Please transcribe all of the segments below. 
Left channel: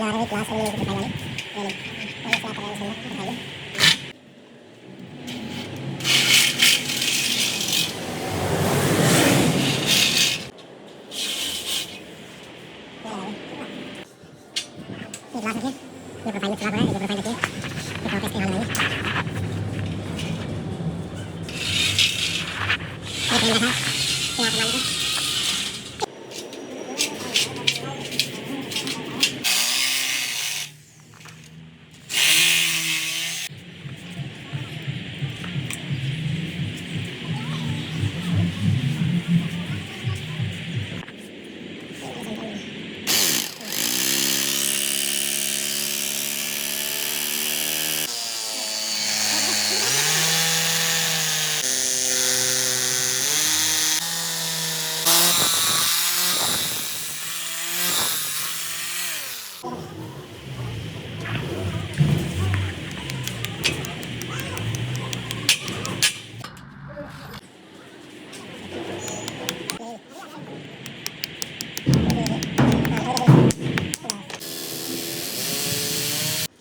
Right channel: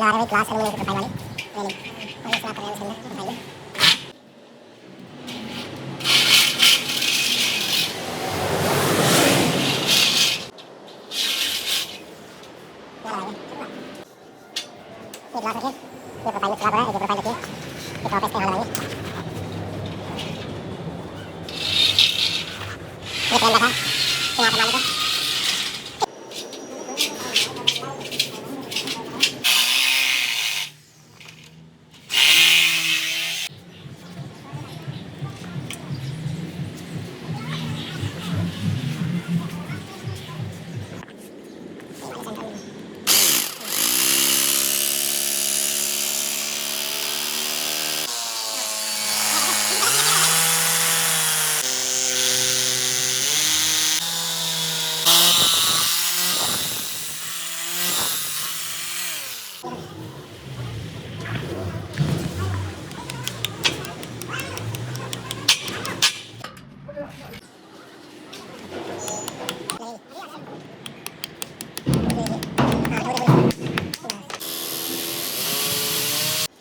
12वीं class aluminium की profile वाली ये नहीं और इसमें आपको इसमें बताइए ये ग्लास रखिए ये प्रोफाइल में खराब है ये प्रोफाइल रखिए ये कॉपी इसके यहाँ लगाइए ये पेन रखा यहाँ पर मान लीजिए चलो नहीं ऐसे डालना उसमें आराम से एकदम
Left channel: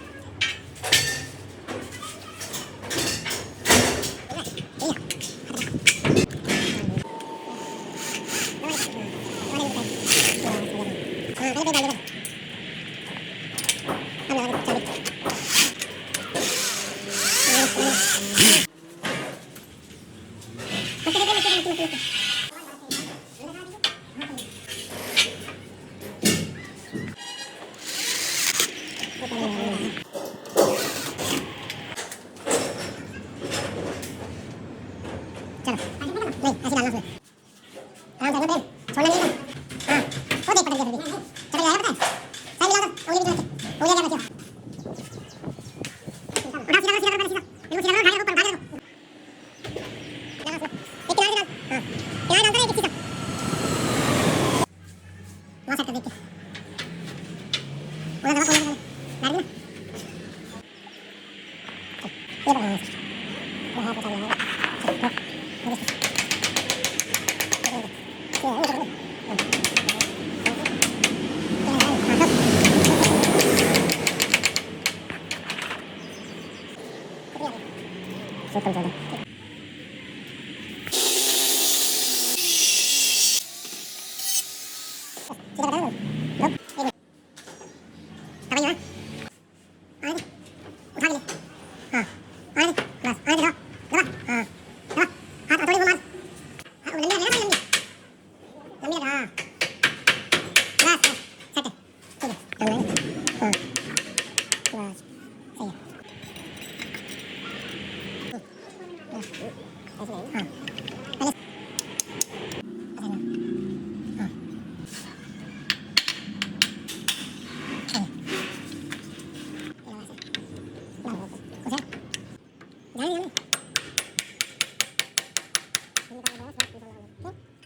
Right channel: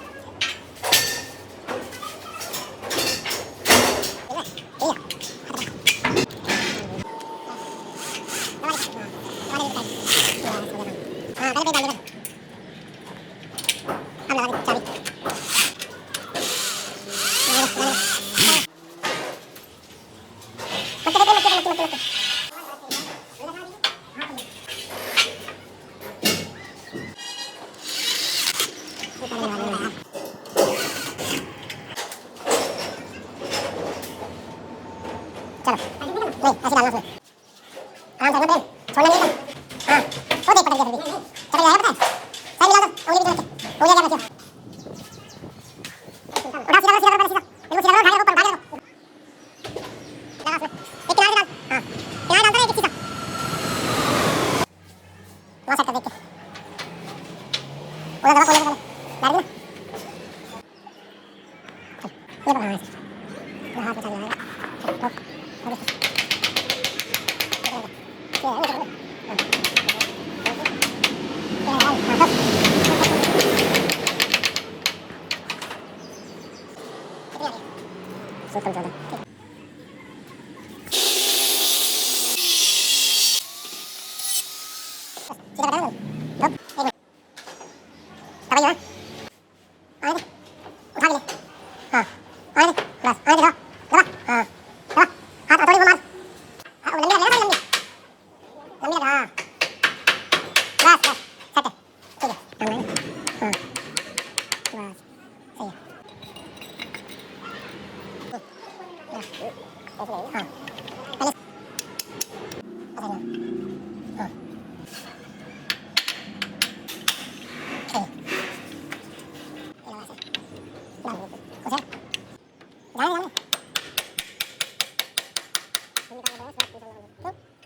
छोड़ना नहीं एकदम हाँ वो देख पकड़ के चलो जाएगा पता है सही मिला तो उंगली भी हो जाएगा बच्चों उठा सीधा सीधा सीधा बिल्कुल सीधा उठा के ऊपर उठा के डाल उसमें एक किनारे डाल हाँ किनारे डालता है एक सीधा वहाँ सेट कर देख के उधर दबा खोलने वाले डाल देना ये बना यहाँ पे चल हाँ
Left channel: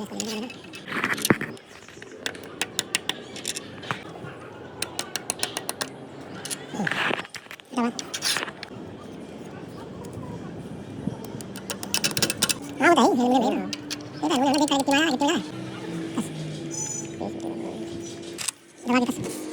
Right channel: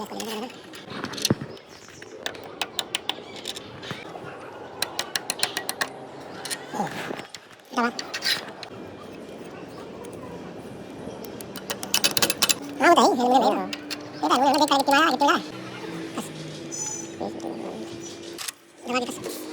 बताइए हेलमेट नहीं ये हेलमेट देख कर कितना कितना है बस दबा के